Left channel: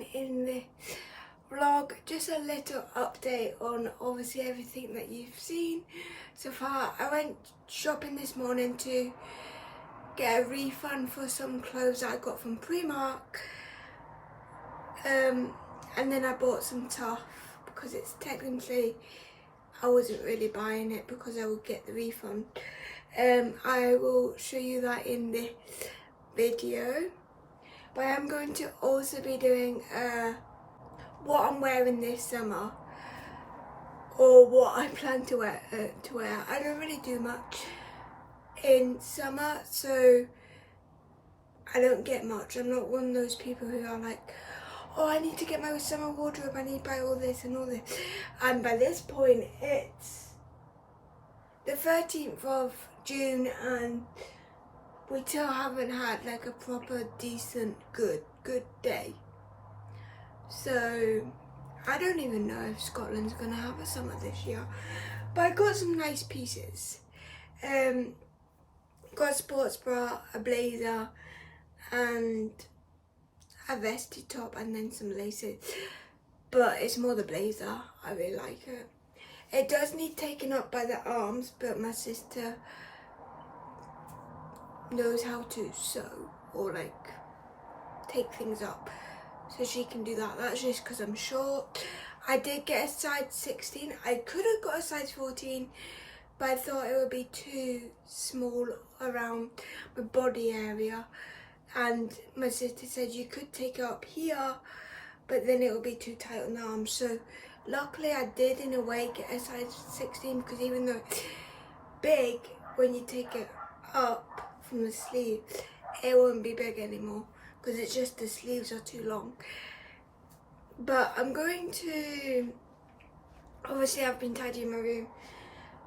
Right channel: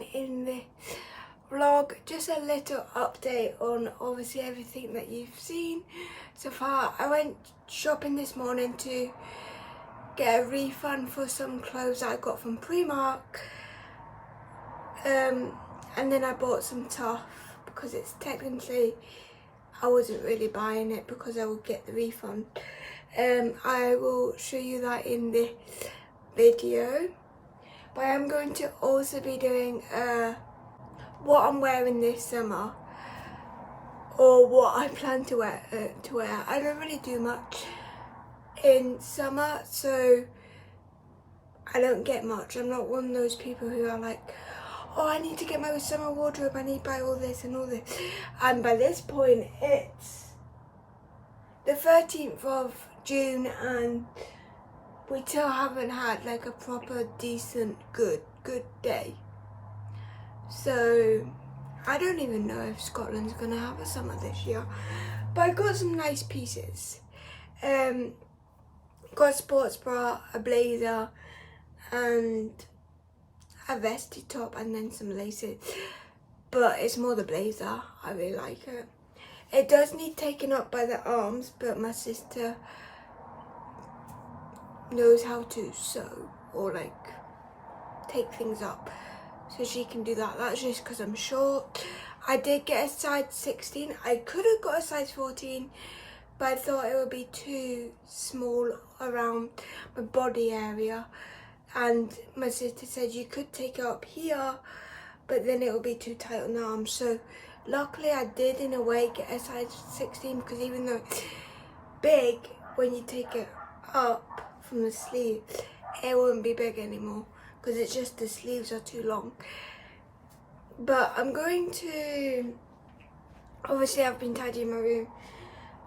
doing in this vlog just a little update on obviously everything that you've seen so far. I went shopping this morning to get a refund for some clothes that I got from Primark, and then I bought some tough because it's technically I wasn't really buying it because I would get the refund. I will show you that in this video, but I'm going to also be doing what I'm wearing this summer, or what I plan to wear. I don't really do much in summer, so I don't get much. I'm not one of those people who are like, oh, I need to get my summer wardrobe, I need to buy all this and all this. And by this point, it's the 13th of June and we still haven't had like a proper, decent, good day. So I don't even know if Scotland's gonna have a summer this year. But I got some nice pieces. Got a sports bra, a blazer, and a vesty top, and then some laces. But it's more the blazer. I really like it. It does need taken up by the arms, but my sister knows how to sew or like take things up, so she can do that. That's just because I'm short. I did get a size 16. I could have got a size 14, but I thought it would be too small around my body area, and my sister said you could take it up here, but then it will be too tight on the arms. So luckily I did in a way get a size 16, because even though it's big, when you take it up from the sleeve, it won't be big anymore because it's just the sleeves are too long. But I'm going to, obviously I've been tidying my room.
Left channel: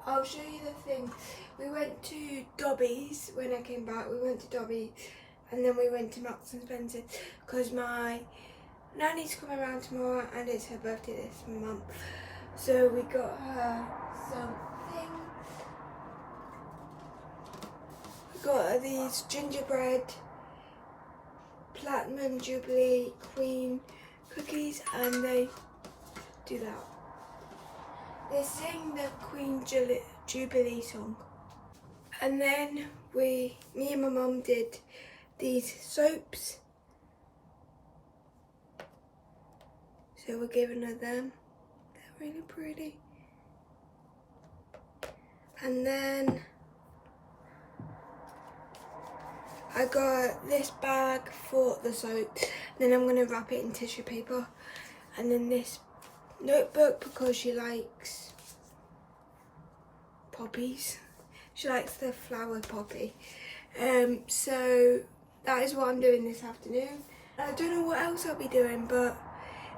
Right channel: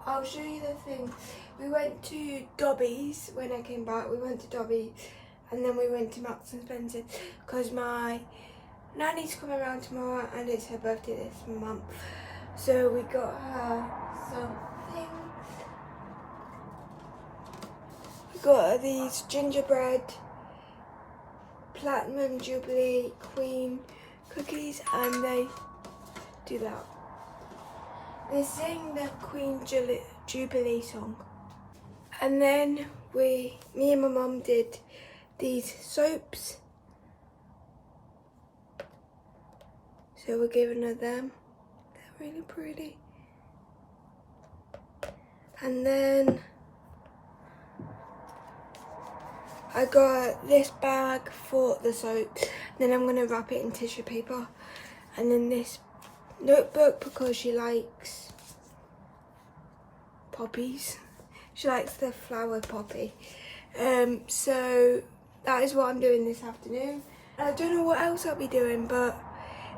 I'll show you the thing. We went to Dobby's when I came back. We went to Dobby's and then we went to Marks and Spencer because my nanny's coming around tomorrow and it's her birthday this month. So we got her something. We got her these gingerbread Platinum Jubilee Queen cookies, and they do that. They sing the Queen Jubilee song. And then me and my mum did these soaps. So we're giving her them. They're really pretty. And then I got this bag for the soap. Then I'm going to wrap it in tissue paper. And then this notebook because she likes poppies. She likes the flower poppy. So that is what I'm doing this afternoon. I don't know what else I'll be doing, but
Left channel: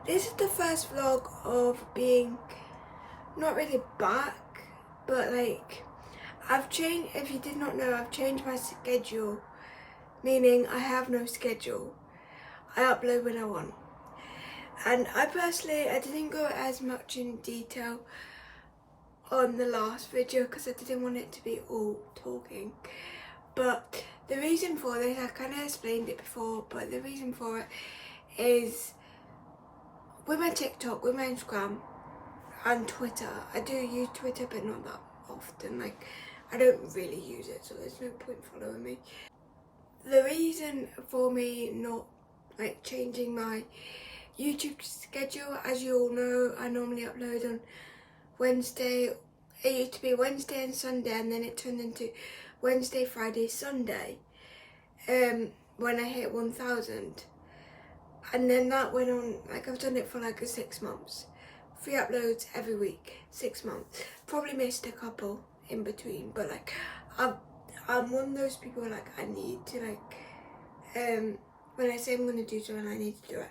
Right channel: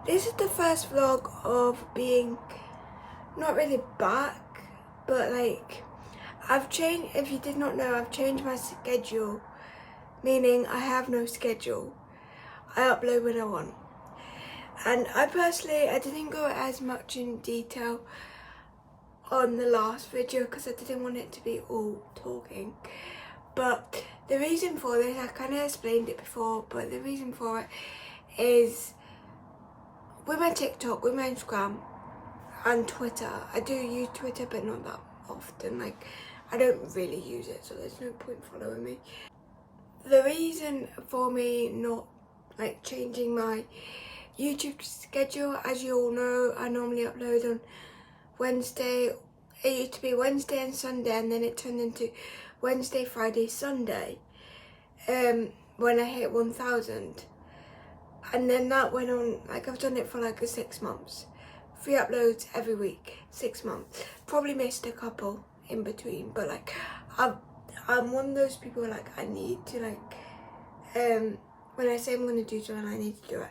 this is the first vlog of being not really back, but like I've changed. If you did not know, I've changed my schedule, meaning I have no schedule. I upload when I want. And I personally, I didn't go as much in detail on the last video because I didn't want it to be all talking. But the reason for this, I kind of explained it before, but the reason for it is with my TikTok, with my Instagram and Twitter. I do use Twitter, but not that often. Like, I don't really use it, so there's no point following me. The reason for me not like changing my YouTube schedule, as you all know, I normally upload on Wednesday. It used to be Wednesday and Sunday, and then it turned into Wednesday, Friday, Sunday when I hit 1,000. And then that went on, like I've done it for like 6 months. 3 uploads every week, 6 months. Probably missed a couple in between, but like I'm one of those people like I need to like when I say I'm going to do something, I need to do it.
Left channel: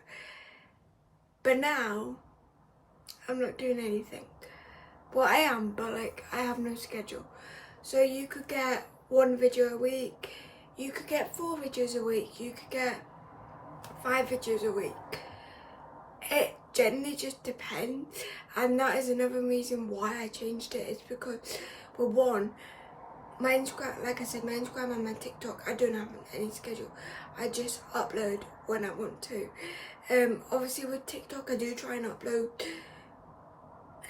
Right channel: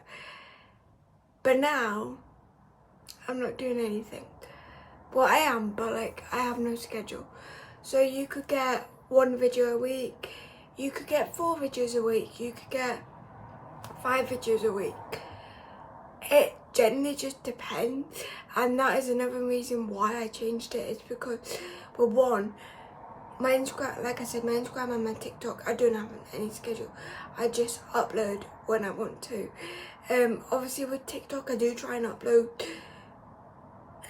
But now I'm not doing anything. Well, I am, but like I have no schedule. So you could get 1 video a week, you could get 4 videos a week, you could get 5 videos a week. It generally just depends, and that is another reason why I changed it. It's because, well, one, my Instagram, like I said, my Instagram and my TikTok, I don't have any schedule. I just upload when I want to. Obviously with TikTok I do try and upload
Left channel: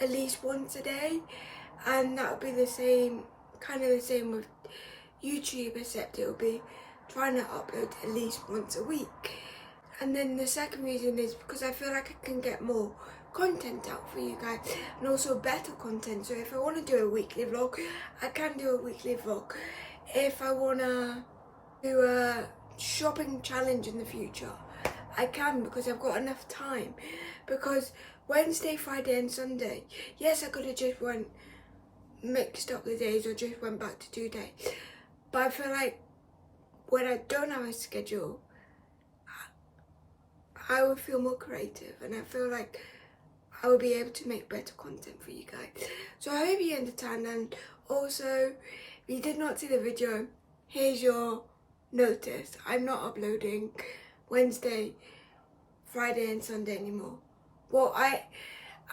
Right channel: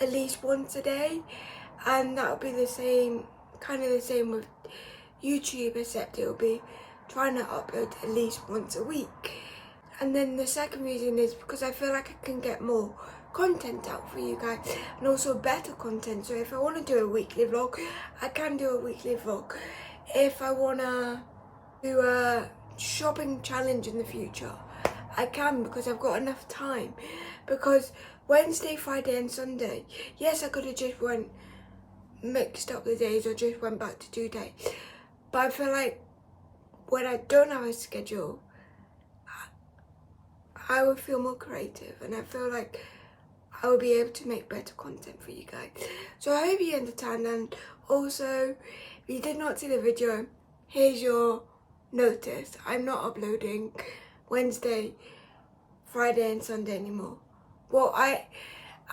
at least once a day, and that'll be the same, kind of the same with YouTube, except it'll be trying to upload at least once a week. And then the second reason is because I feel like I can get more content out for you guys, and also better content. So if I want to do a weekly vlog, I can do a weekly vlog. If I want to do a shopping challenge in the future, I can, because I've got enough time. Because Wednesday, Friday and Sunday, yes, I could have just mixed up the days or just went back to 2 days, but I feel like when I don't have a schedule, I would feel more creative, and I feel like I would be able to make better content for you guys. So I hope you understand. And also, if you did not see the video, here's your notice. I'm not uploading Wednesday, Friday and Sunday anymore. Well, I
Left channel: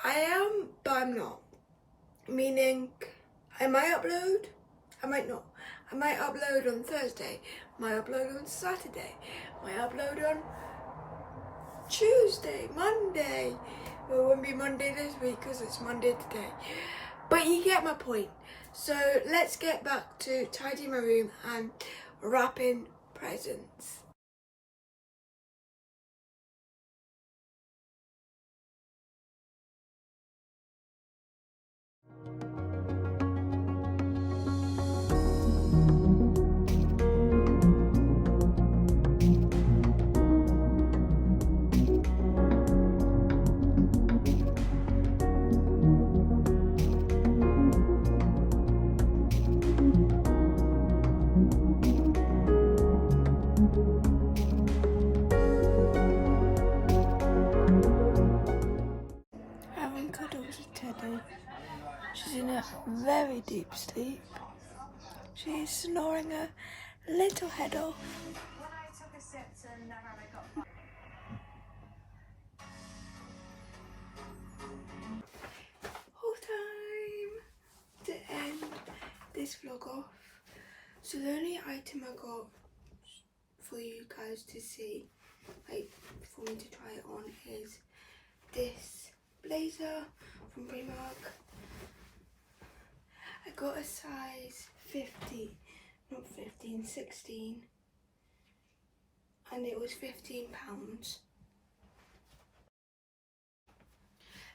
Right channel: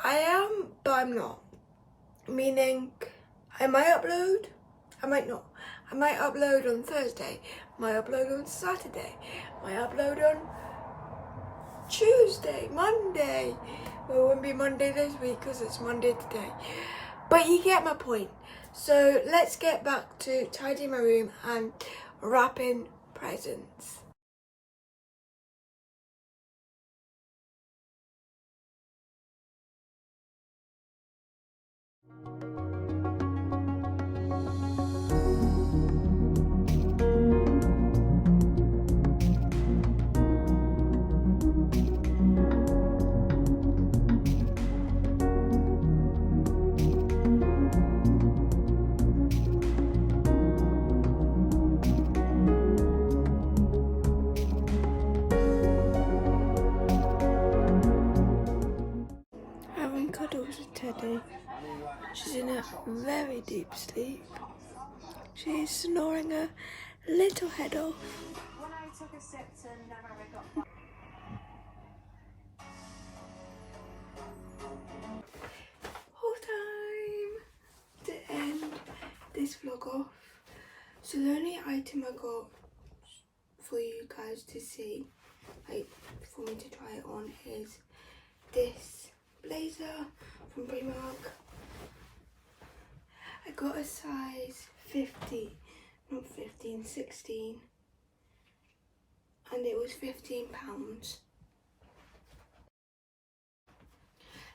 am, but I'm not. Meaning, I might upload, I might not. I might upload on Thursday, might upload on Saturday, might upload on Tuesday, Monday. Well, it won't be Monday this week because it's Monday today. But you get my point. So let's get back to tidying my room and wrapping presents. Having cuddles with Teddy. She's in a very deep sleep. She's snoring her little head off. Whole time to end this vlog off. So the only item I got for you guys to see, like for me to try it on, is this blazer from Primark. I got a size 50, not 15, 16, and it was £15.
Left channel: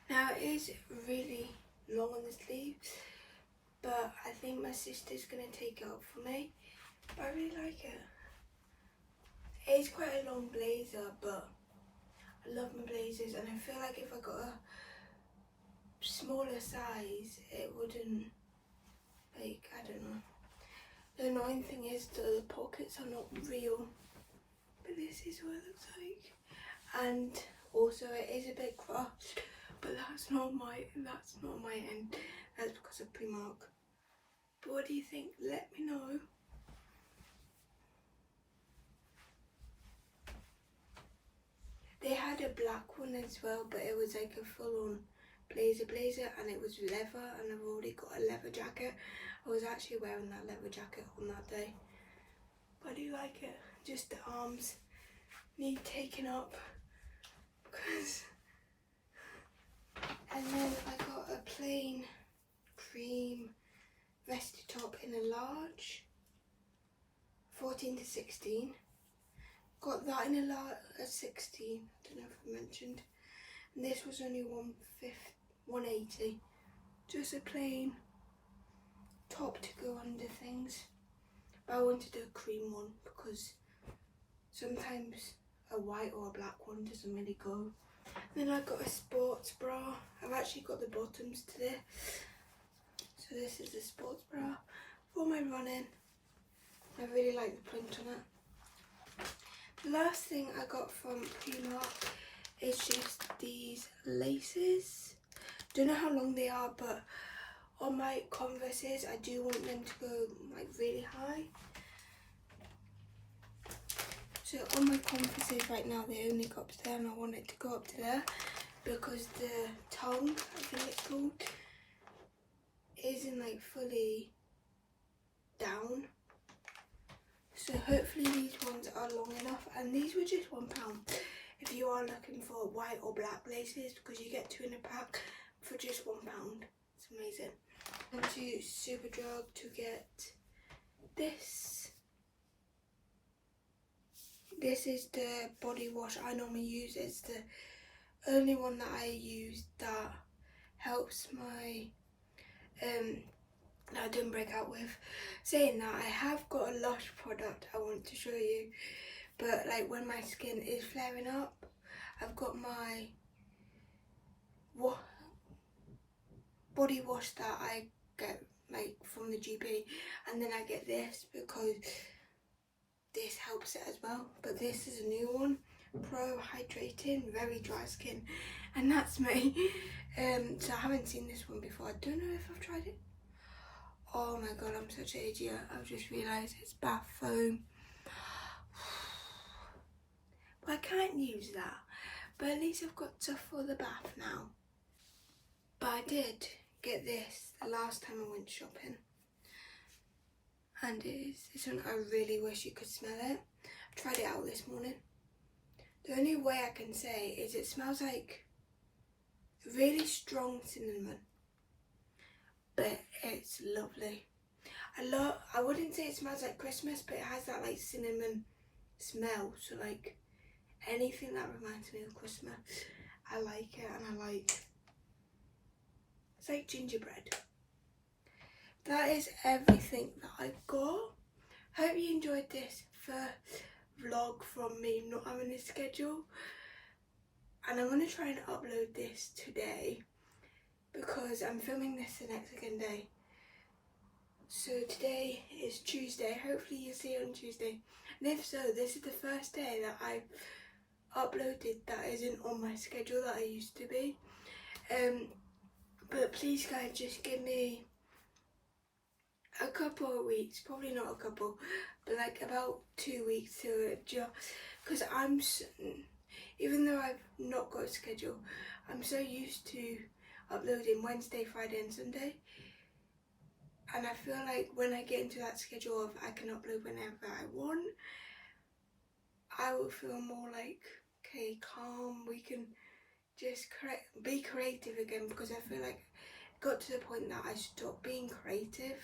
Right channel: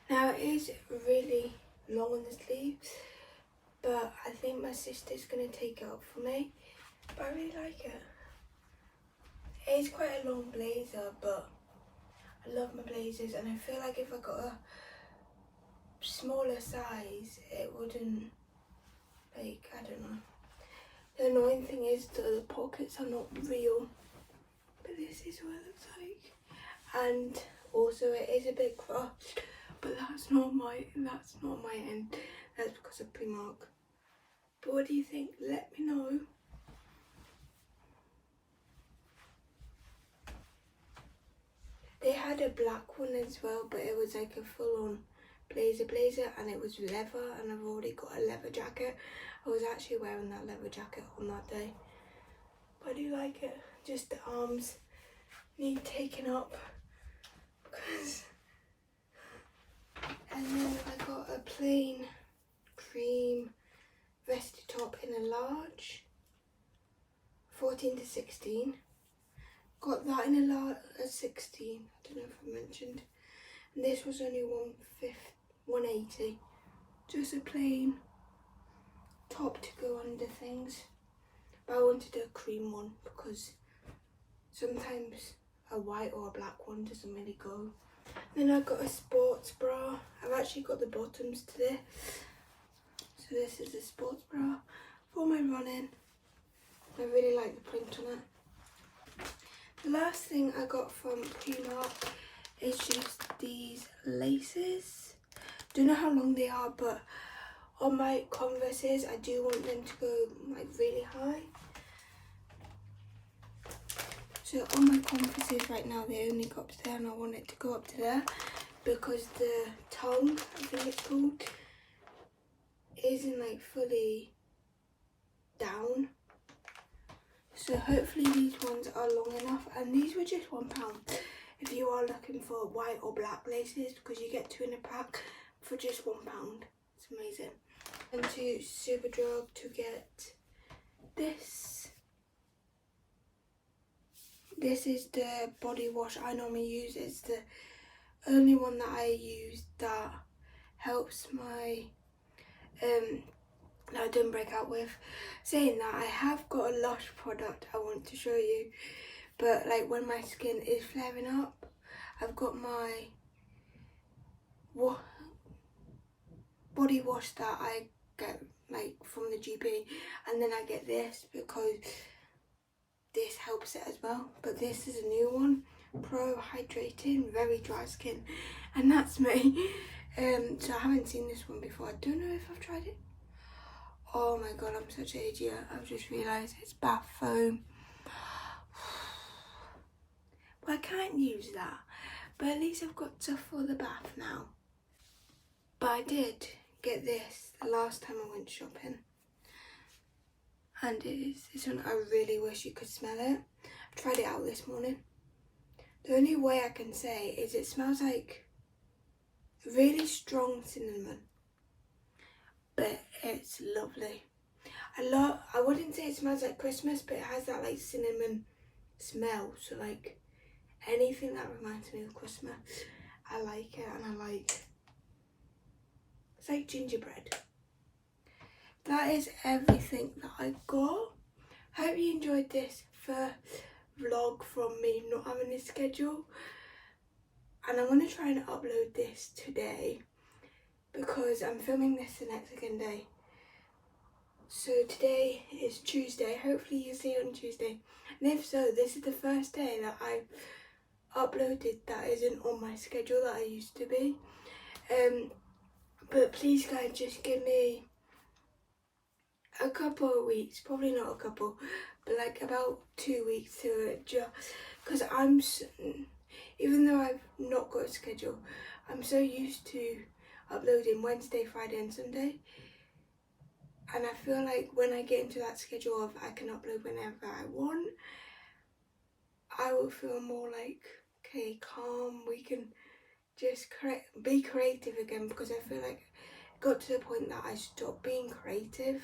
Now it is really long on the sleeves, but I think my sister's going to take it up for me, but I really like it. It is quite a long blazer, but I love my blazers, and I feel like if I got a smaller size it wouldn't, like, I don't know. The annoying thing is the pockets are not real, but this is what it looks like. And also it is a bit crushed, but that's not my end. That's because of Primark. But what do you think? Let me know. They had a black one as well, but it was like a full-on blazer, and it was leather, and I've already got a leather jacket. I was actually wearing that leather jacket on that day. But I do like it. Just the arms need taking up. And then I got a plain cream vesty top in a large, 14 to 16. Got that in a 16, I don't know if I mentioned. And this was only 180. Just a plain top to go under things. But I wanted a cream one because sometimes a white or a black one doesn't really go. Then I got a sports bra. I've actually got the bottoms to this. So this is a sports bra for my running. I really like the print on it. The last thing I got from Primark is just these laces. Don't know how long they are, but on my Converses I do want them to go like really high. So on my Converses right now they only go up to there, and I want it to go up to there because the tongue, I think it's called, isn't like fully down. So hopefully these ones are long enough, and these were just £1. if you are looking for white or black laces, because you get 2 in a pack for just £1. It's amazing. And to Superdrug to get this. This is the body wash I normally use. It's the only one that I use that helps my that I don't break out with. Saying that, I have got a Lush product I want to show you, but like when my skin is flaring up, I've got my body wash that I get like from the GP, and then I get this because this helps it as well. But this is a new one, Pro Hydrating Very Dry Skin, and that's me. So I haven't seen this one before. I don't know if I've tried it. Oh my god, I'm such an idiot. I've just realised it's bath foam. Well, I can't use that, but at least I've got stuff for the bath now. But I did get this the last time I went shopping, and it's one I really wish you could smell it. I tried it out this morning. The only way I can say is it smells like really strong cinnamon, but it's lovely. I wouldn't say it smells like Christmas, but it has that like cinnamon smell, so like anything that reminds me of Christmas, I like it. And it's like gingerbread. That is everything that I got. Hope you enjoyed this first vlog from me not having a schedule, and I'm going to try and upload this today because I'm filming this the next second day. So today is Tuesday. Hopefully you'll see it on Tuesday, and if so, this is the first day that I've uploaded that isn't on my schedule that I used to be. But please guys, just give me a couple of weeks, probably not a couple, but like about 2 weeks to adjust, because even though I've not got a schedule, I'm so used to uploading Wednesday, Friday and Sunday, and I feel like when I get into that schedule of I can upload whenever I want, I will feel more like, okay, calm, we can just be creative again, because I feel like it got to the point that I stopped being creative.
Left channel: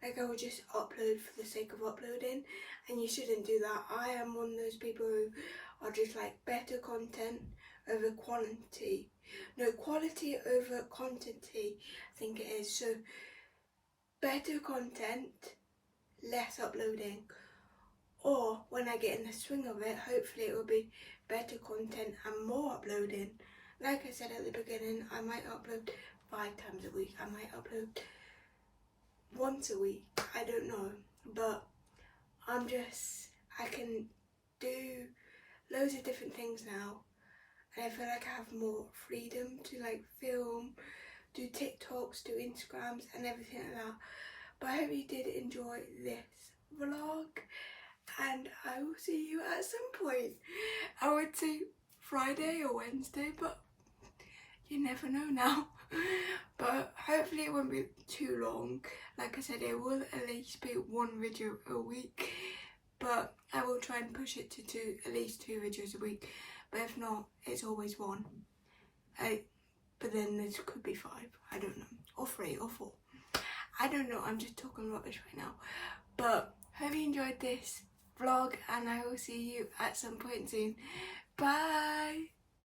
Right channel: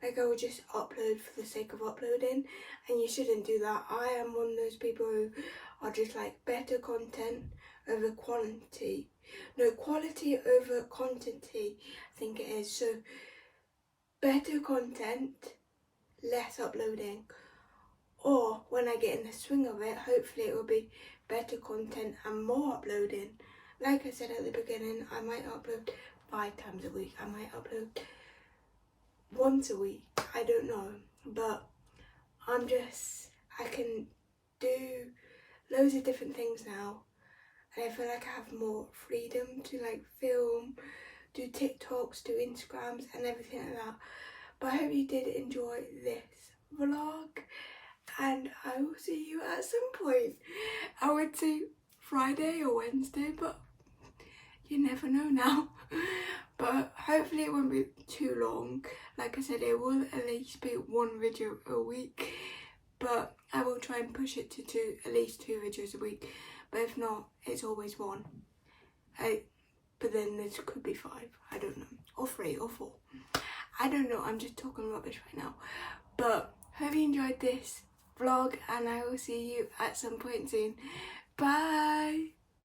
Like I would just upload for the sake of uploading, and you shouldn't do that. I am one of those people who are just like better content over quantity. No, quality over quantity, I think it is. So better content, less uploading. Or when I get in the swing of it, hopefully it will be better content and more uploading. Like I said at the beginning, I might upload 5 times a week. I might upload once a week, I don't know, but I can do loads of different things now, and I feel like I have more freedom to like film, do TikToks, do Instagrams and everything like that. But I hope you did enjoy this vlog, and I will see you at some point. I would say Friday or Wednesday, but you never know now. But hopefully it won't be too long. Like I said, it will at least be 1 video a week, but I will try and push it to at least 2 videos a week. But if not, it's always 1. But then this could be 5, I don't know, or 3 or 4. I don't know, I'm just talking rubbish right now. But hope you enjoyed this vlog, and I will see you at some point soon. Bye!